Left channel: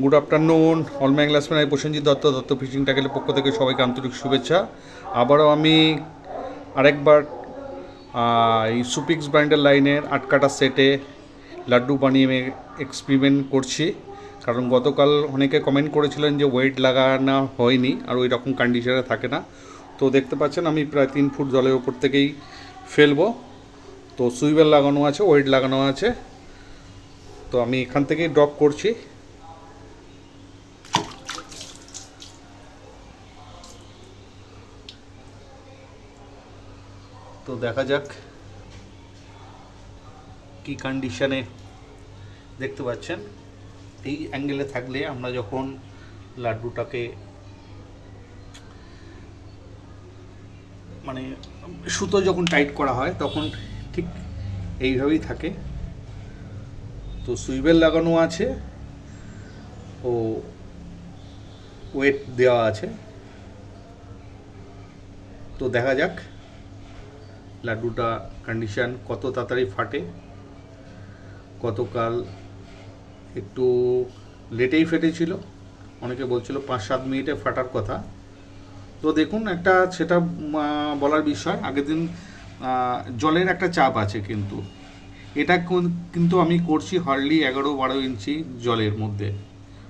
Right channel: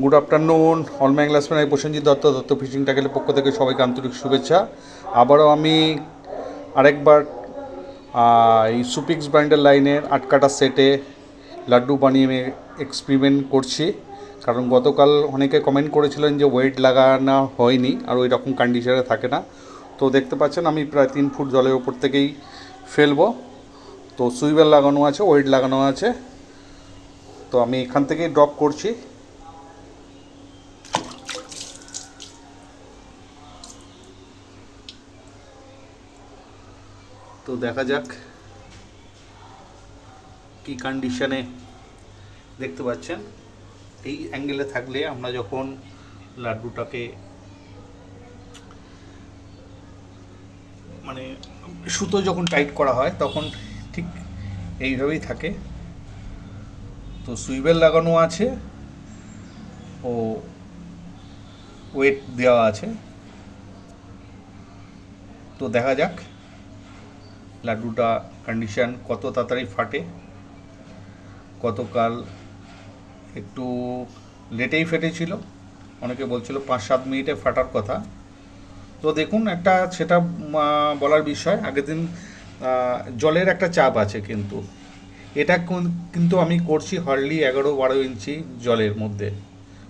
Good afternoon all my classmate. আমি Prosenjit Dutta, Dutta fishing ট্যাকেলের পক্ষ থেকে সবাইকে আন্তরিক শুভেচ্ছা। আবারও আমি আরেকবার এই সুপিক্স ব্র্যান্ডের লাইনের আটকাটা সেটে লাড্ডু বানিয়ে এক্সপেরিমেন্ট করছি। কারণ গতকাল অনেকে কমেন্ট করেছিলেন যে ওয়েট লাগানো হয়নি আর ওই রকম কন্ডিশনে থাকে না। তো দেখতে পাচ্ছেন আমি প্রায় 3 ফুট জলের ওপর থেকেই ফেলবো। তো সুইবেল লাগানো আছে, ওয়েট লাগানো আছে। তো আমি এখান থেকেই ড্রপ করছি। তো দেখা যাক কী কন্ডিশনে। দেখতে পাচ্ছেন এই অ্যাঙ্গেলে থাকলে আমরা যখন লাড্ডুটাকে মানে সুতো যখন টাইট করা হয় তখন ঠিক এইভাবেই থাকে। তো সুইবেল লাগানো আছে ও ওয়েট দেওয়া আছে। তো দেখা যাক লাড্ডুটা কন্ডিশন কত তাড়াতাড়ি ফাটে। গতকাল একটু লেটেই ফেটেছিল, অনেকে বলছিল 5-7 মিনিটে ফাটার কথা। তো দেখুন একটা সেটা বলার বিষয়, আগের দিন জলের একটা চাপ আছে, কিন্তু এটা কিন্তু আমি করছি হার্ডলি 11-12 ইঞ্চি জলের মধ্যে,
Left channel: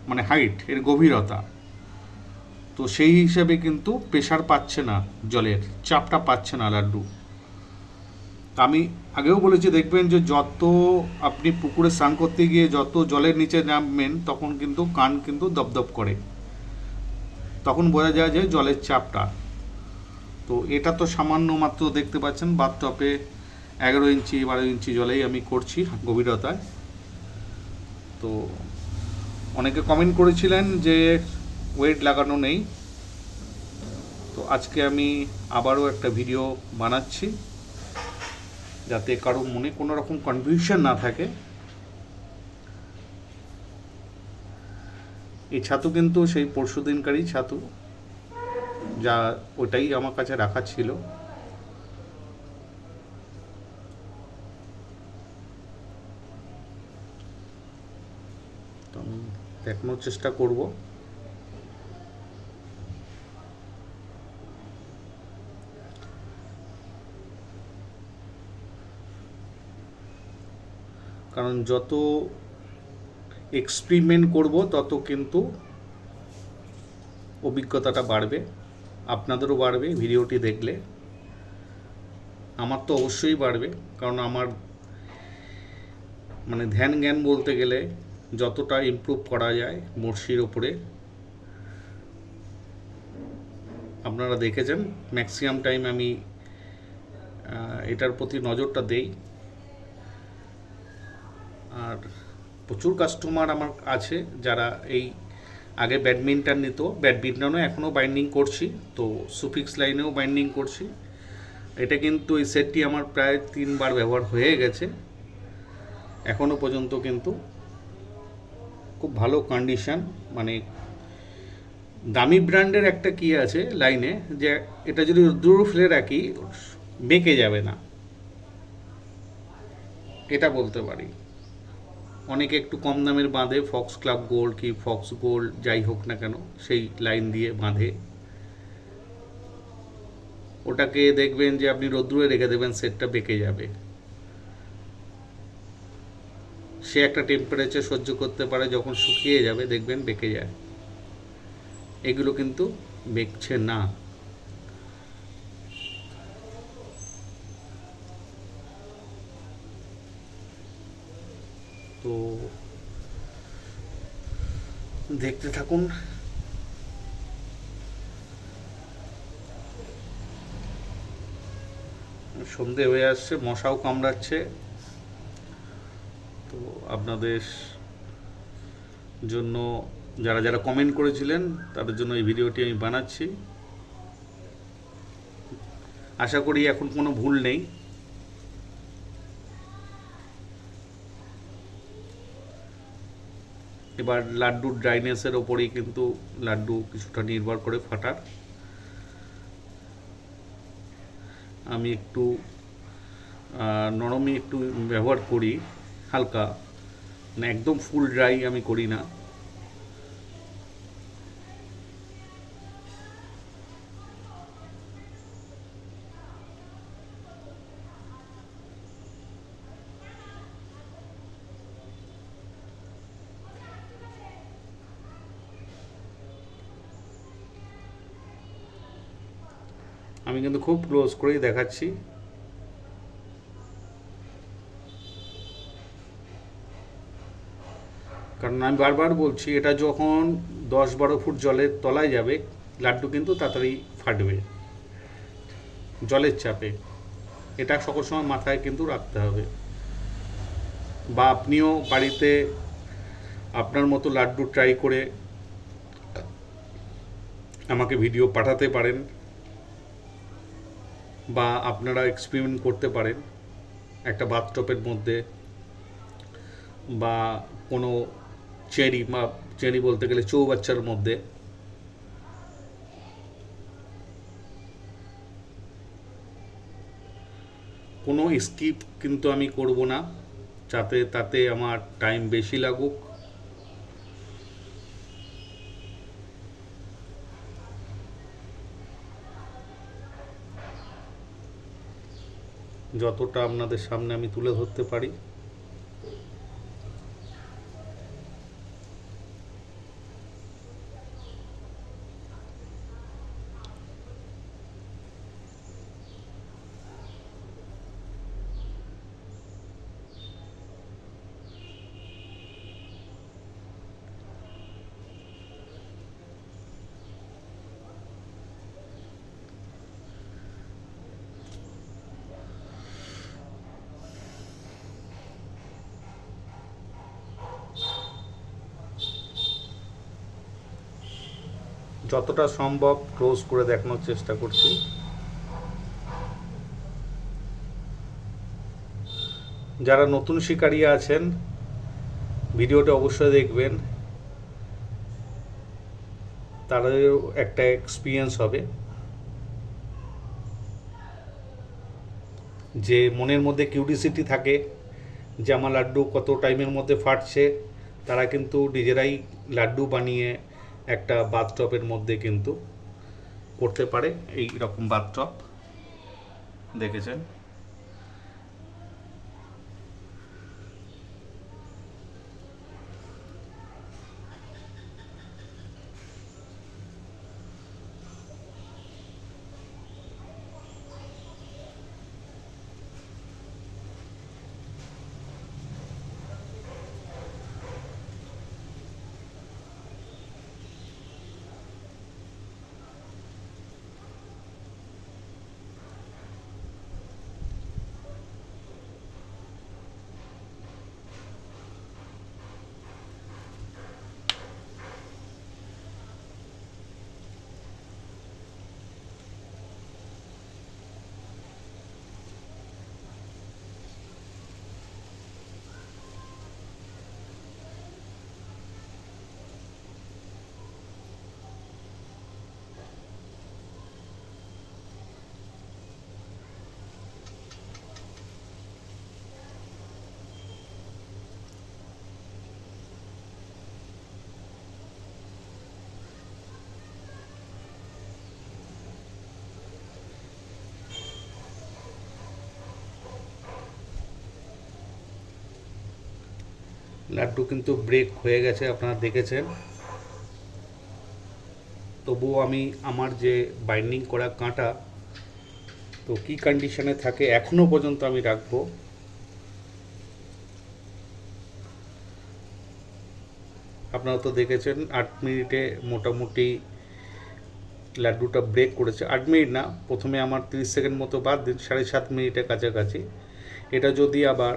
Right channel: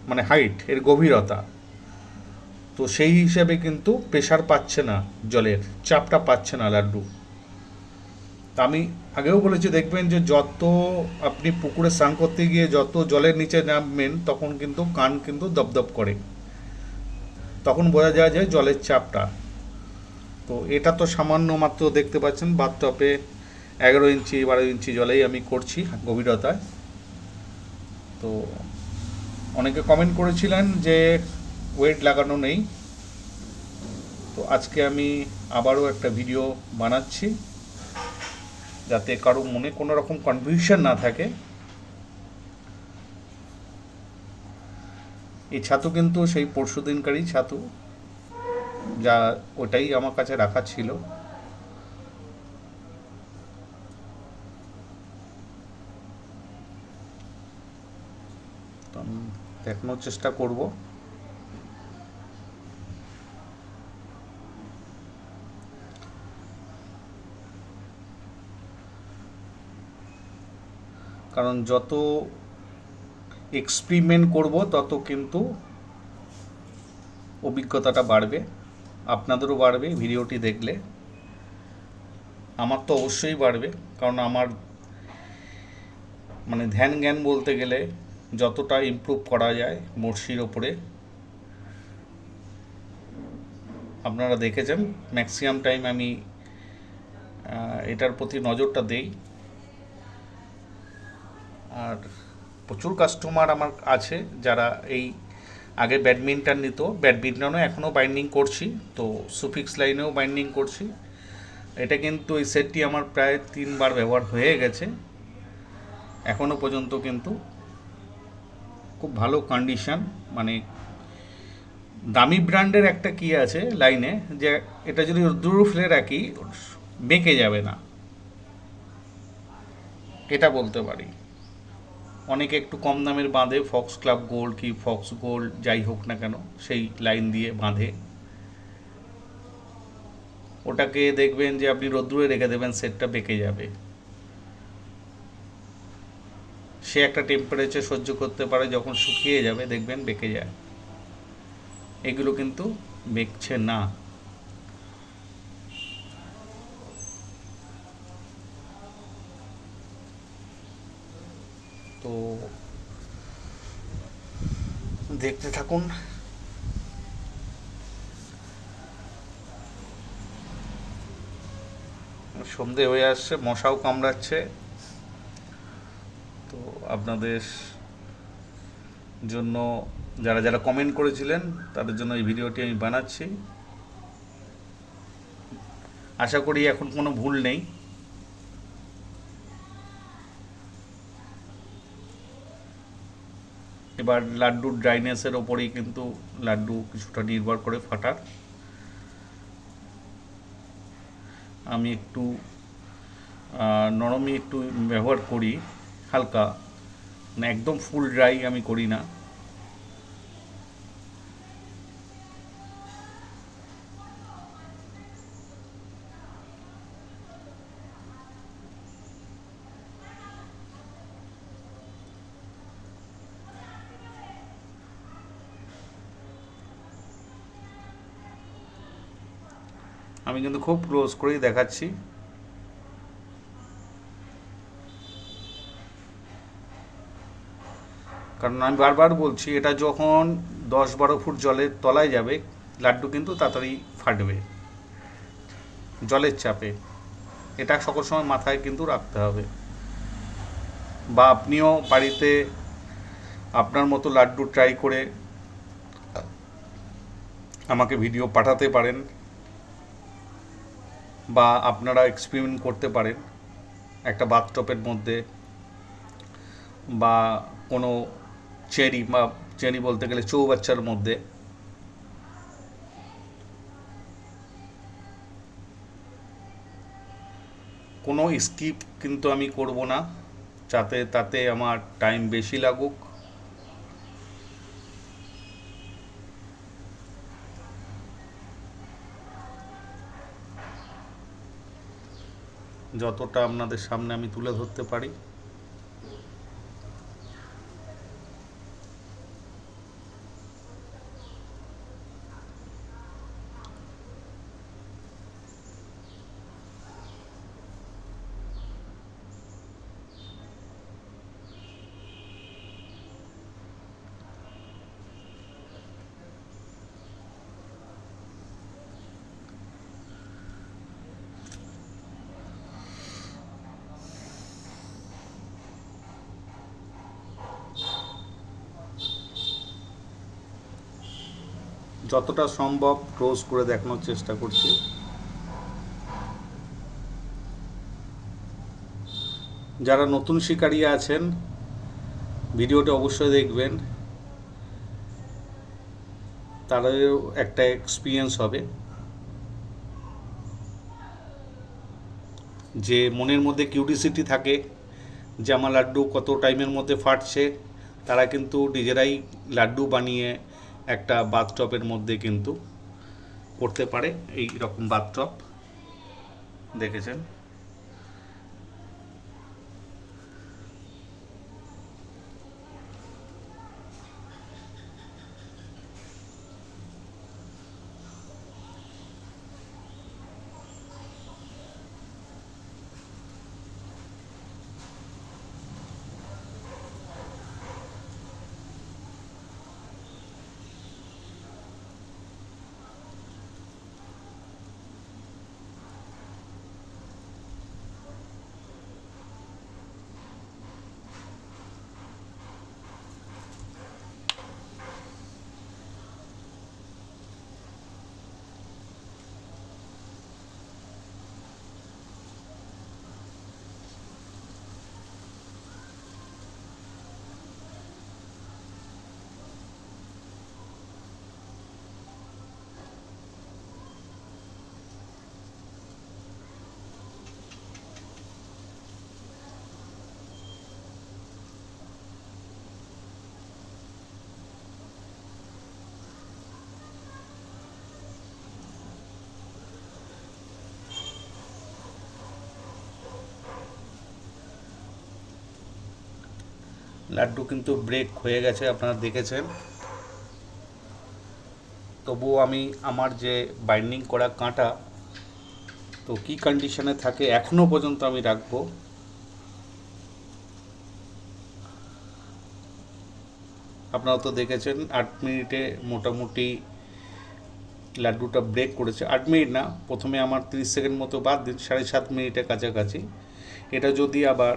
মানে হাইট এর গভীরতা। তো সেই হিসেবে কিন্তু প্রেশার পাচ্ছে না, জলের চাপটা পাচ্ছে না লাড্ডু। আমি আগেও বলেছি, দেখবেন যে যত আপনি পুকুরে স্নান করতে গিয়ে যত জলের নিচে নামবেন তখন কিন্তু কান কিন্তু দপদপ করে, তখন বোঝা যায় যে জলের চাপটা। তো এটা তো সামান্য মাত্র দেখতে পাচ্ছেন বাথটবে 11-12 ইঞ্চি জলেই আমি করছি গভীরতায়। তো অনেকে কমেন্ট করেছিলেন যে ওয়েট লাগানো নেই। তো আজকে আমি আবারও একটা ভিডিও বানাচ্ছি যাতে কারো মনে কোনো রকম কনফিউশন না থাকে। এই ছাতু কিন্তু সেই পরশুদিনকারই ছাতু, যা ওটাই আমার কাছে রাখা ছিল। তো আমি দেখানোর চেষ্টা করব। কারণ যত এক্সপেরিমেন্ট করব তত কিন্তু অভিজ্ঞতাটা বাড়বে, আপনাদেরও বাড়বে ভিডিওটি দেখলে। আমার তো অবশ্যই বাড়বে, কারণ আমার মানে ধ্যান জ্ঞান বলতে গেলে যতটা ইমপ্রুভ করা যায় বড়শির ওপরে, আপনারা দেখেছেন ম্যাক্সিমাম টাইম আমি এটার প্রতি নজরটা দেই। আর প্রচুর কাস্টমার আমার আছে যারা এই আগে ব্যাডমিন্টন নিত, ব্যাডমিন্টনও এখনও বাইন্ডিং করছি, তো সুফিক্স লাইনেও বাইন্ডিং করছি। এটা কিন্তু এই সেটটি আমার প্রায় 3 বার ব্যবহার হয়ে গেছে, এখনও পর্যন্ত কিন্তু খুব ভালো কন্ডিশন। মানে দামি ব্র্যান্ডের একটা কি আছে লাইনে, যে এটা যদি দূর ফেলে রাখি বেঁকে যাবে না, এটা বলতে পারি। অনেকে একটু কম দামের বাঁধে, ফক্স ক্লাব গোল্ড কি ফক্স গোল্ড যাই হোক না কেন, সেই লাইন দিয়ে বাঁধে। ওটাকে দেখবেন যে আপনি রোদ্দুরে রেখে দেবেন, সেটটা বেঁকে যাবে। সে একটা টেম্পারেচার সহ্য করতে পারে, যখন শুকিয়ে যাবে দেখবেন বেঁকে যায়। এগুলো কিন্তু বেঁকছে না। তো দেখতে থাকুন। সন্ধে হয়ে আসছে, মশাও কামড়াচ্ছে। তো আপনাদের জন্য যারা যারা কমেন্ট করেছিলেন তাদের জন্য এই ভিডিওটি আমি বানাচ্ছি। আশা করি এখন কোনো ভুল নেই। এবার লাড্ডুর ড্রাইনেসের ওপরেই কিন্তু লাড্ডু কিছুটা নির্ভর করে ফাটার। আমি একটু নরমই একটু ব্যবহার করি, হালকা, মানে একদম ফুল ড্রাই আমি করি না। আমি কিন্তু খুব ক্লোজ করেই দেখাচ্ছি। কারণ আমি বারবার বলছি, এটা যখন 10-12 ফুট জলের তলায় যাবে, লাড্ডু কিন্তু তাড়াতাড়ি ফাটবে জলের চাপে। এটা সকল সময় মাথায় কিন্তু রাখতে হবে। বা আপনিও বাড়িতে আপনার মতো লাড্ডু ট্রাই করে আমাকে ভিডিও পাঠাতে পারেন, বা আপনারা এক্সপেরিমেন্ট করতে পারেন একটা বাথটবের মধ্যে, বা কোনো চেরি বলতে গেলে চৌবাচ্চার মধ্যে। কোনো স্কিপ কিন্তু আমি করব না, তাতে আমার টাইম বেশি লাগুক। যতটা আপনাদের সামনে আমি তুলে ধরতে পারি। যতটা সম্ভব ক্লোজ করে দেখানোর চেষ্টা করছি। যারা নতুন শিকারী আছেন, ভিডিওটা অবশ্যই দেখবেন, তাদেরও একটা এক্সপিরিয়েন্স হবে। যে মনের মধ্যে কিউরিসিটি থাকে যে আমার লাড্ডু কত টাইমের মধ্যে ফাটছে, তারা কিন্তু নিজেরাই লাড্ডু বানিয়ে একটা বাথটবের মধ্যে কিন্তু করতে পারে। এই রকম বাথটব দেখেছেন। লাড্ডু কিন্তু ব্রেক হয়ে গেছে, আপনারা দেখেছেন। তবুও আমি আমার যে বাইন্ডিং করা কাঁটা তো কি কন্ডিশনে থাকে এখনো পর্যন্ত আমি রাখবো। আপনারা তো দেখেছেন 8 মিনিটে মোটামুটি লাড্ডুটা ব্রেক করেছে। 8 মিনিট না, প্রথমে আমার 30 সেকেন্ড মতো বাদ দিন, 7.5 মিনিটের কাছাকাছি। এটা যদি আবার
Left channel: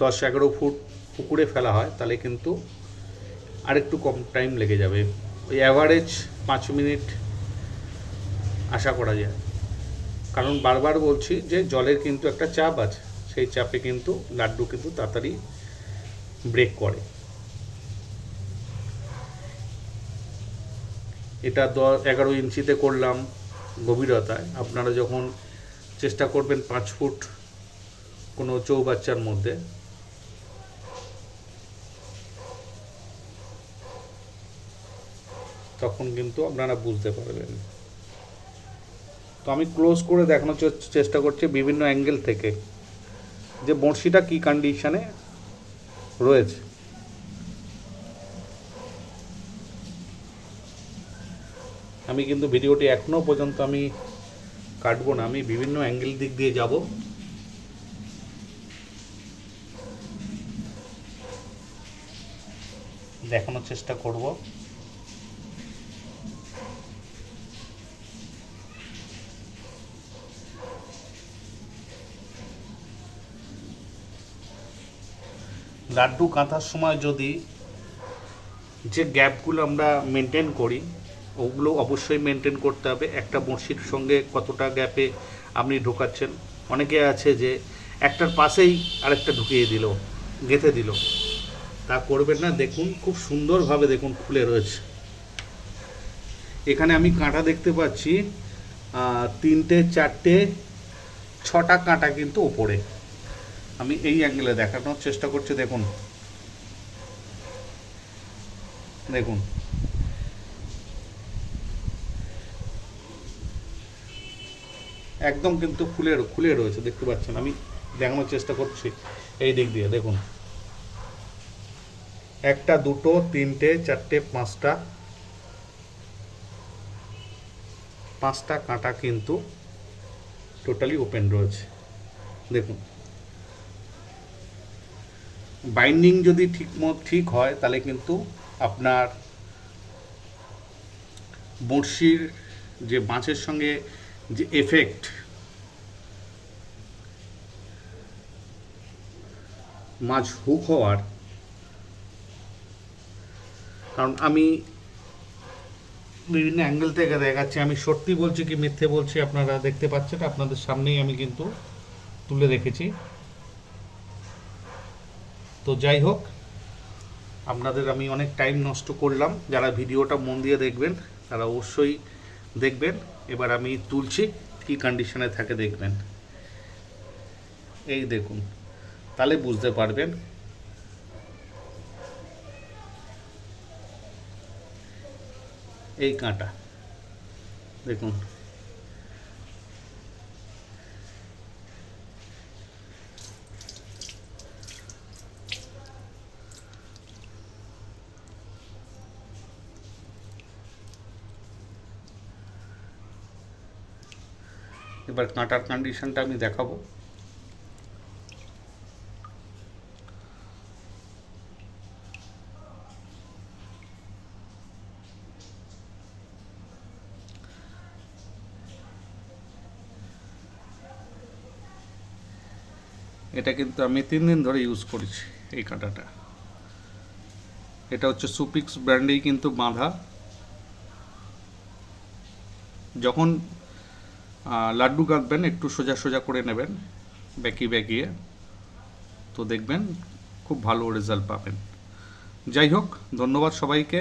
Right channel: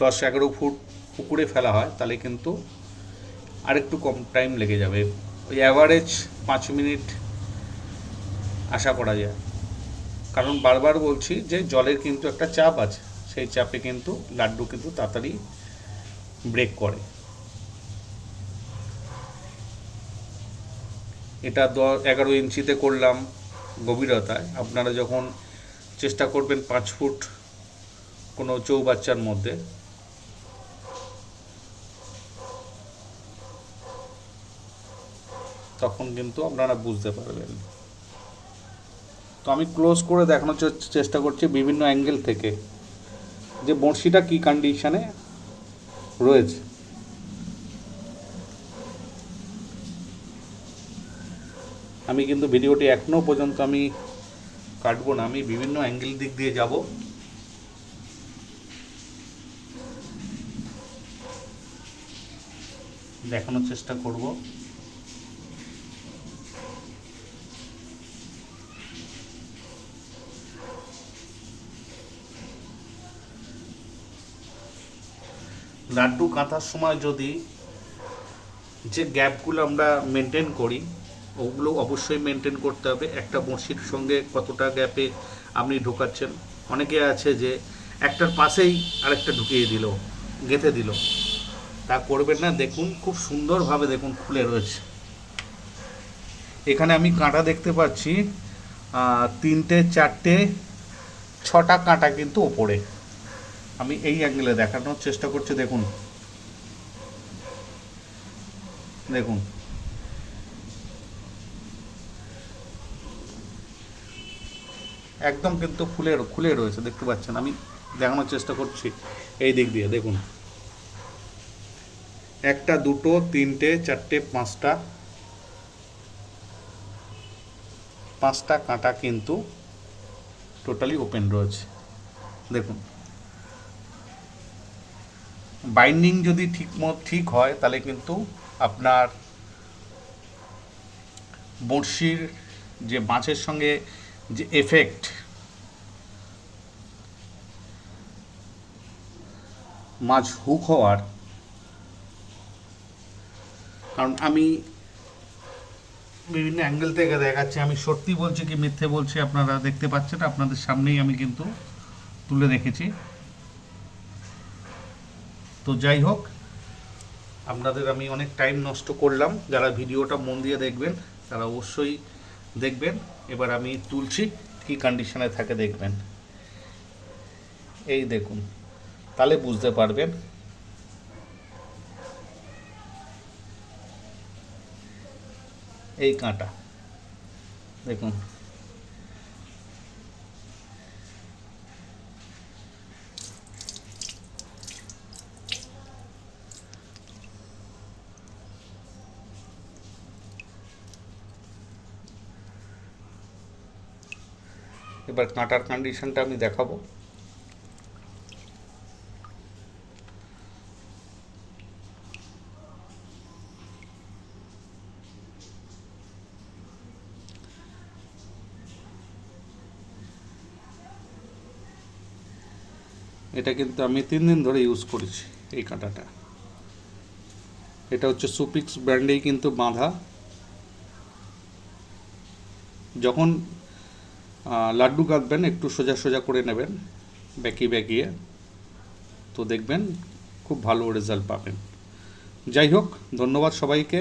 10-11 ফুট পুকুরে ফেলা হয় তাহলে কিন্তু আরেকটু কম টাইম লেগে যাবে। ওই অ্যাভারেজ 5 মিনিট আশা করা যায়। কারণ বারবার বলছি যে জলের কিন্তু একটা চাপ আছে, সেই চাপে কিন্তু লাড্ডু কিন্তু তাড়াতাড়ি ব্রেক করে। এটা 11 ইঞ্চিতে করলাম গভীরতায়। আপনারা যখন চেষ্টা করবেন 5 ফুট কোনো চৌবাচ্চার মধ্যে, তখন কিন্তু আপনারা বুঝতে পারবেন। তো আমি ক্লোজ করে দেখানোর চেষ্টা করছি বিভিন্ন অ্যাঙ্গেল থেকে যে বড়শিটা কী কন্ডিশনে রয়েছে। আমি কিন্তু ভিডিওটি এখনও পর্যন্ত আমি কাটবো না, আমি বিভিন্ন অ্যাঙ্গেল দিক দিয়ে যাব। দেখানোর চেষ্টা করব। লাড্ডু কাঁথার সময় যদি যে গ্যাপগুলো আমরা মেনটেন করি ওগুলো অবশ্যই মেনটেন করতে হবে। একটা বড়শির সঙ্গে কতটা গ্যাপে আপনি ঢোকাচ্ছেন। অনেকে আছে যে একটার পাশেই আরেকটা ঢুকিয়ে দিল, গেঁথে দিল, তা করবেন না। দেখুন খুব সুন্দরভাবে দেখুন খুলে রয়েছে। এখানে আমি কাঁটা দেখতে পাচ্ছি 3টে 4টে 6টা কাঁটা কিন্তু ওপরে। আমি এই অ্যাঙ্গেলে দেখানোর চেষ্টা করছি। দেখুন দেখুন একদম কিন্তু খুলে রয়েছে, দেখতে পাচ্ছেন। আমি দেখানোর চেষ্টা করছি এই দিক দিয়ে। দেখুন 1টা 2টো 3টে 4টে 5টা কাঁটা কিন্তু টোটালি ওপেন রয়েছে। দেখুন বাইন্ডিং যদি ঠিক হয় তাহলে কিন্তু আপনার বড়শির যে মাছের সঙ্গে যে এফেক্ট, মাছ হুক হওয়ার, কারণ আমি বিভিন্ন অ্যাঙ্গেল থেকে দেখাচ্ছি, আমি সত্যি বলছি কি মিথ্যে বলছি আপনারা দেখতে পাচ্ছেন, আপনাদের সামনেই আমি কিন্তু তুলে রেখেছি। তো যাই হোক, আপনাদের আমি অনেক টাইম নষ্ট করলাম। যারা ভিডিওটা মন দিয়ে দেখবেন তারা অবশ্যই দেখবেন। এবার আমি তুলছি, কী কন্ডিশনে থাকে দেখবেন। এই দেখুন, তাহলে বুঝতে পারবেন। এই কাঁটা দেখুন, এবার কাঁটার কন্ডিশনটা আমি দেখাবো। এটা কিন্তু আমি 3 দিন ধরে ইউজ করেছি এই কাঁটাটা। এটা হচ্ছে সুপিক্স ব্র্যান্ডেই কিন্তু বাঁধা। যখন লাড্ডু কাটবেন একটু সোজা সোজা করে নেবেন, বেঁকিয়ে, তো দেখবেন খুব ভালো রেজাল্ট পাবেন। যাই হোক, ধন্যবাদ সবাইকে।